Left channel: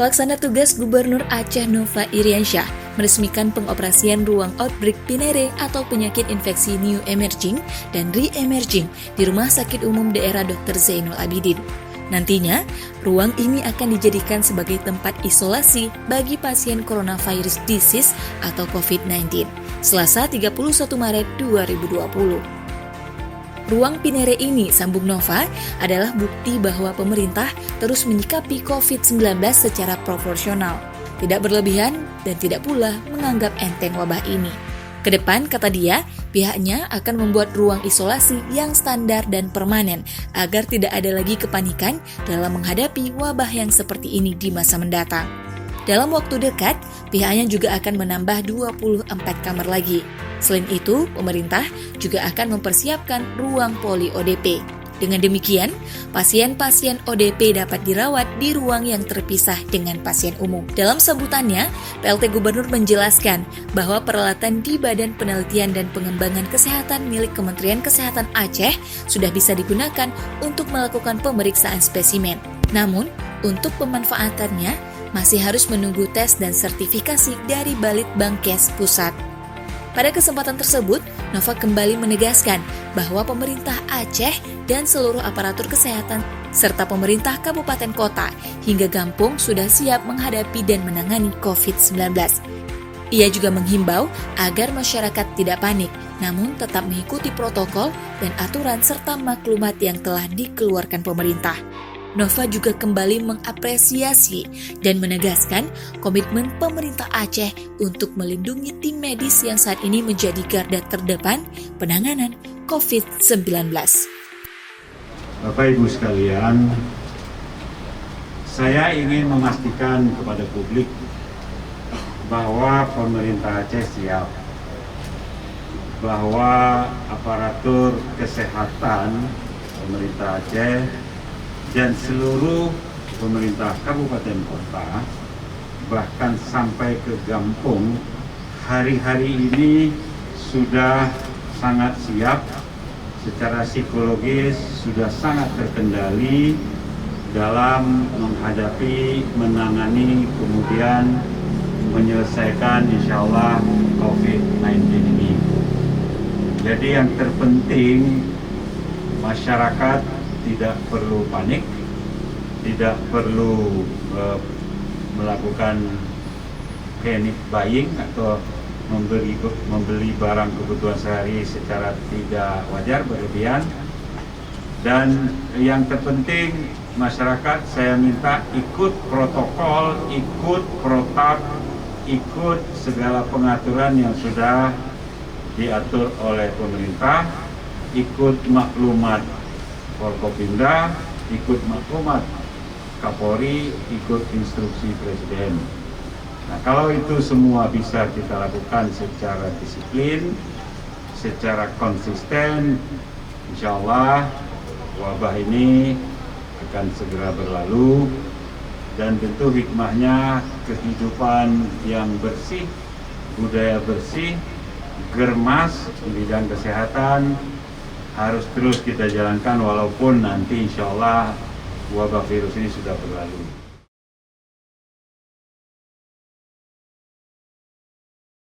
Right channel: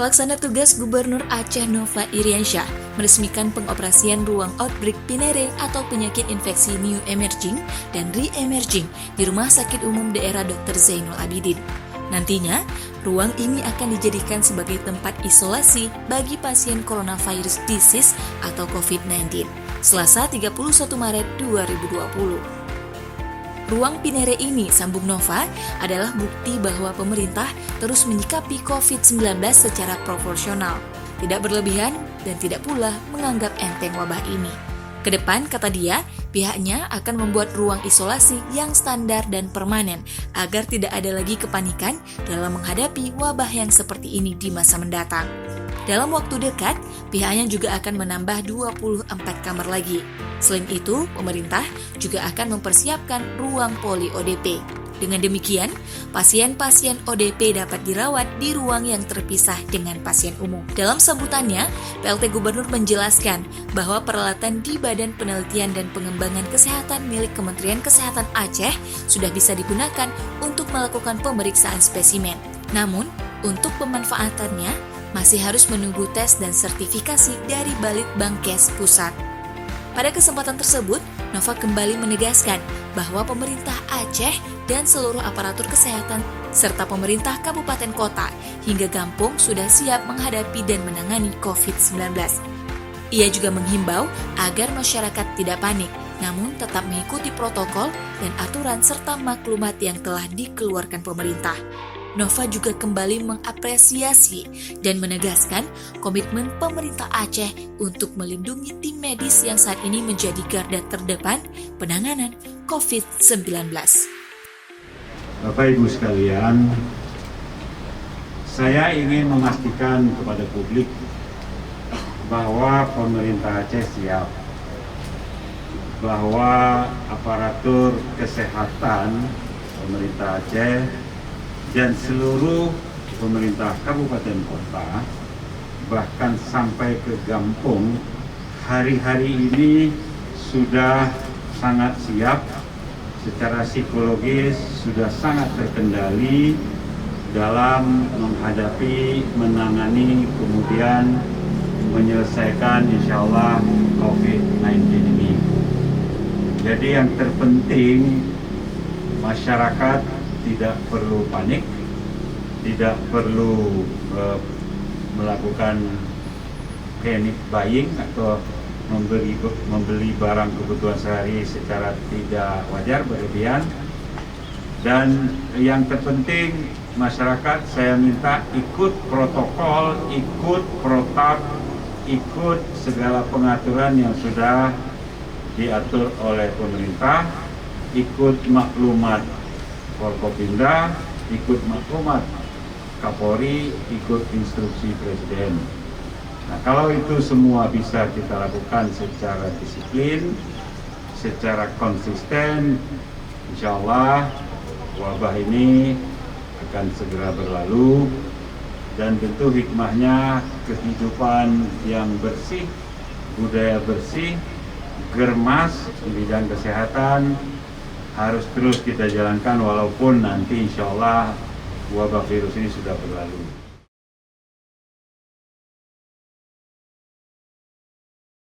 Pelaksana tugas Gubernur Aceh Nova Iriansyah meresmikan pengoperasian ruang outbreak Pinere atau penyakit infeksi new emerging dan re-emerging di Rumah Sakit Umum Daerah Dr. Zainul Abidin. Nantinya, ruang ini akan dijadikan sebagai tempat isolasi bagi pasien coronavirus disease atau COVID-19, Selasa 31 Maret 2020. Ruang Pinere ini, sambung Nova, adalah bukti bahwa pemerintah terus menyikapi COVID-19 secara proporsional, tidak berlebihan dan tidak pula menganggap enteng wabah ini. Kedepan, kata dia, pihaknya akan membuat ruang isolasi yang standar dan permanen agar tidak ada lagi kepanikan dalam menghadapi wabah yang seperti ini di masa mendatang. Dalam waktu dekat, pihaknya juga akan menambah 24 kamar lagi. Selain itu, pemerintah juga akan mempersiapkan ruang poli ODP. Dengan demikian, pasien-pasien ODP dapat dirawat di ruang yang terpisah dengan pasien umum. Dalam sambutannya, PLT Gubernur menjelaskan bahwa peralatan di Badan Penelitian dan Pengembangan Kesehatan milik Kementerian Kesehatan Aceh sudah bisa digunakan untuk melakukan pemeriksaan spesimen. Namun, untuk pemanfaatannya masih harus menunggu tes dan sertifikasi dari Balitbangkes Pusat. Pada kesempatan tersebut, Nova kembali menegaskan bahwa pemerintah Aceh dan seluruh aparatur kesehatan serta pemerintah kabupaten kota hingga Gampung sudah siap menghadapi dan menangani COVID-19. Ia juga menghimbau agar masyarakat tidak panik, namun tetap mengikuti protokol dan aturan serta maklumat yang telah dikeluarkan pemerintah. Nova juga kembali mengapresiasi dan menegaskan komitmen pemerintah Aceh untuk melindungi tim medis yang saat ini menjadi garda terdepan penanganan COVID-19. Bapak Ibu sekalian, saya ingin memastikan kepada publik bahwa pemerintah Aceh siap, bahwa aparatur kesehatan pemerintah Aceh dan seluruh pemerintah kabupaten kota, bahkan sampai ke Gampung, hari-hari ini sudah sangat siap, secara psikologis sudah sangat terkendali dalam menghadapi, menangani, kemudian menyelesaikan insya Allah COVID-19 ini. Jadi yang terpenting, masyarakat tidak perlu panik, tidak perlu melakukan panic buying atau membeli barang kebutuhan sehari secara tidak wajar, berlebihan. Dan yang terpenting, masyarakat saya minta ikut protokol, ikut protap, ikut segala pengaturan yang sudah diatur oleh pemerintah, ikut maklumat Forkopimda, ikut maklumat Kapolri, ikut instruksi Presiden. Nah, kalau itu semua bisa kita lakukan secara disiplin, secara konsisten, insya Allah wabah ini akan segera berlalu, dan tentu hikmahnya kehidupan yang bersih, budaya bersih, germas di bidang kesehatan harus terus kita jalankan walaupun nanti insya Allah wabah virus ini sudah berlalu.